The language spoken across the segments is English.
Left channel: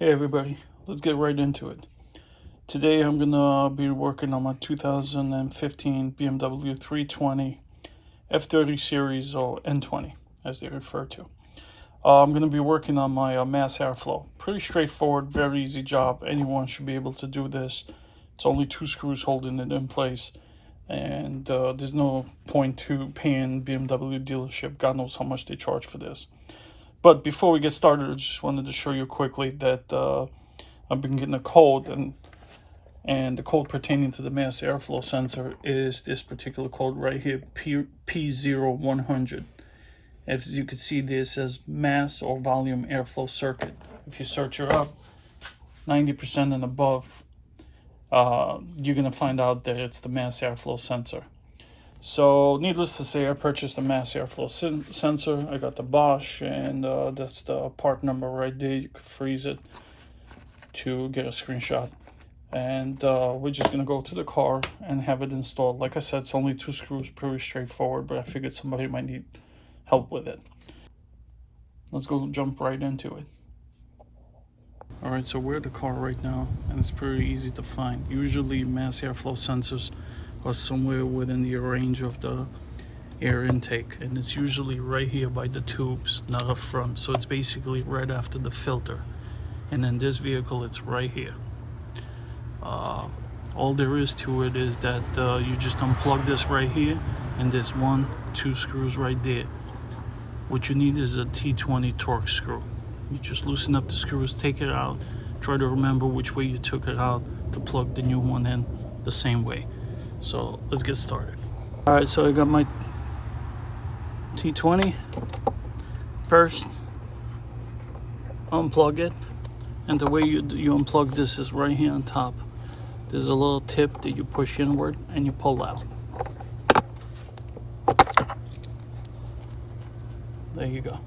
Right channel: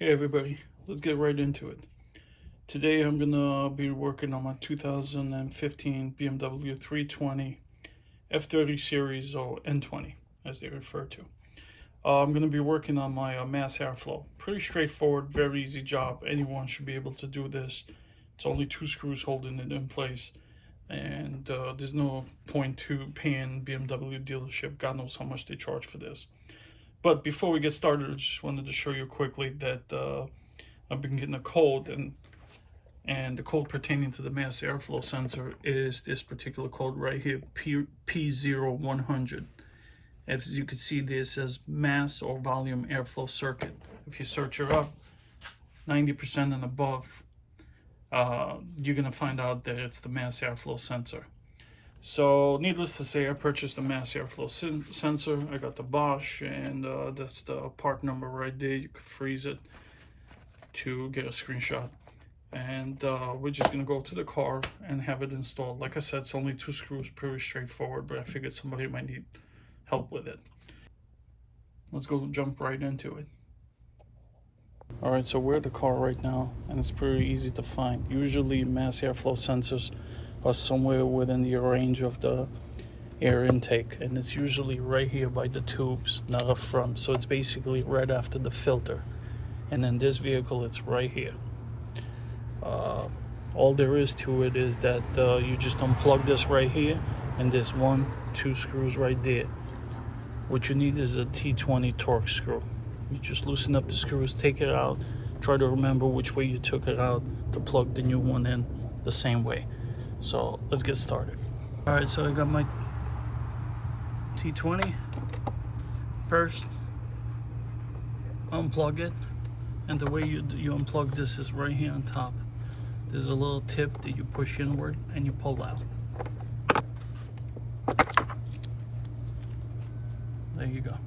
Hey everybody, let's get right into it. Today I'm gonna be working on my 2015 BMW 320 F30 series, or N20 as they refer to. I'm gonna be working on my mass airflow. Pretty straightforward, very easy job. Anyone should be able to do this. It's only 2 screws holding it in place, and there's no point to paying BMW dealership. God knows how much they charge for this. But before we get started, I just wanted to show you quickly that I've been getting a code, and the code pertaining to the mass airflow sensor is this particular code right here, P0100. As you can see, this says mass or volume airflow circuit. If you search it up, 90% and above, you're gonna find out that it's the mass airflow sensor. So needless to say, I purchased a mass airflow sensor. I got the Bosch, and that's the part number right there. You could freeze it to get a screenshot. And we're just gonna go to the car and have it installed. Like I said, it's only 2 screws, pretty straightforward, but I figured somebody might need help with it. Let's go jump right into it. All right, so we're at the car right now, and it's pretty easy to find. Usually mass airflow sensors are somewhere within the range of the air intake, and it's usually right here by the tubes, not up front. So it's basically right after the filter. And in this vehicle, it's right here. All there is to it is that you just unplug this right here, and there's 1-2 screws right there. What you need is a T20 torque screw. You just loosen up the screws, take it out, try to remember which way you took it out to plug the new one in the same way. So let's get started. All right, so I got my T20. First, unplug it, and the way you unplug this is right here on top. There's a little tip that you push inward and you pull out. There you go.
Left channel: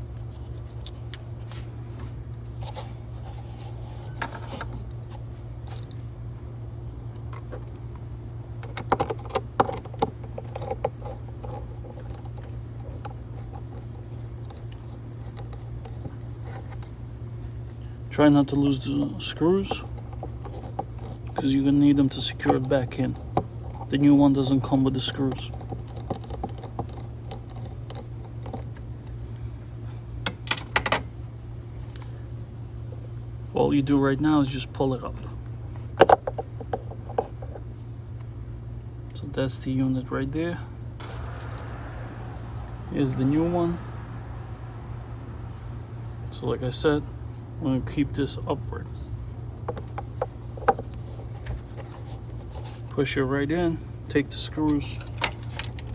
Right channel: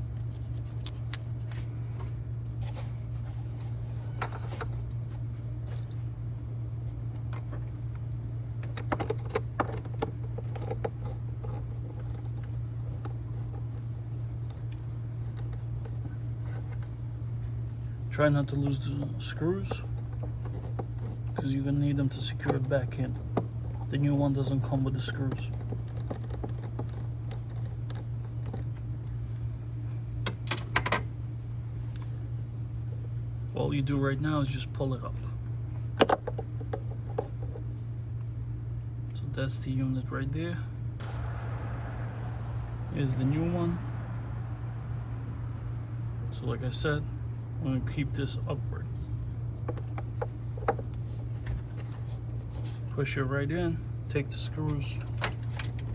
Try not to lose the screws, because you're gonna need them to secure it back in. The new one doesn't come with the screws. All you do right now is just pull it up. So that's the unit right there. Here's the new one. So like I said, I'm going to keep this upward. Push it right in, take the screws,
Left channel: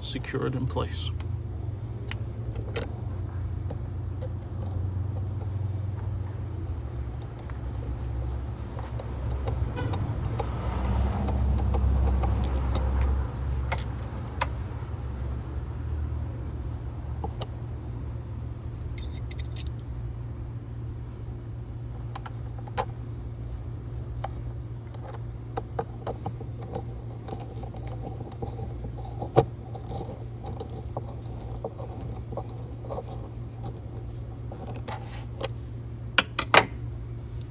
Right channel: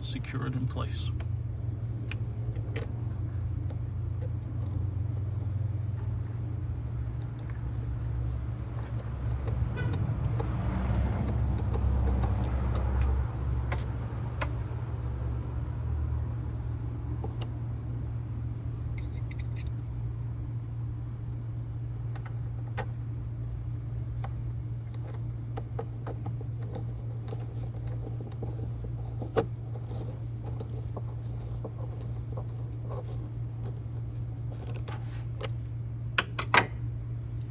secure it in place.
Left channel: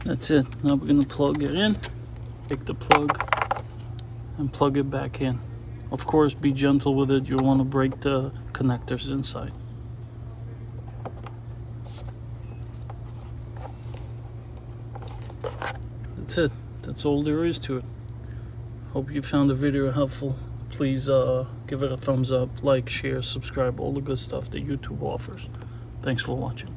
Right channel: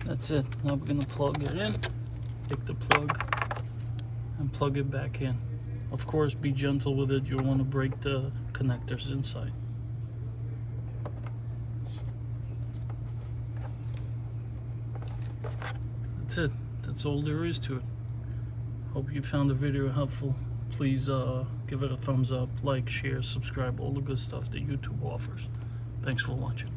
That's it. Now we're going to plug it in, take the plug, and plug it back in. Of course, be gentle with it. You'll want to break the connectors inside. That's it. That's all there is to it. Hope you found the video helpful. Please give it a thumbs up, like, share, subscribe, all the good stuff that YouTube offers. Thanks for watching.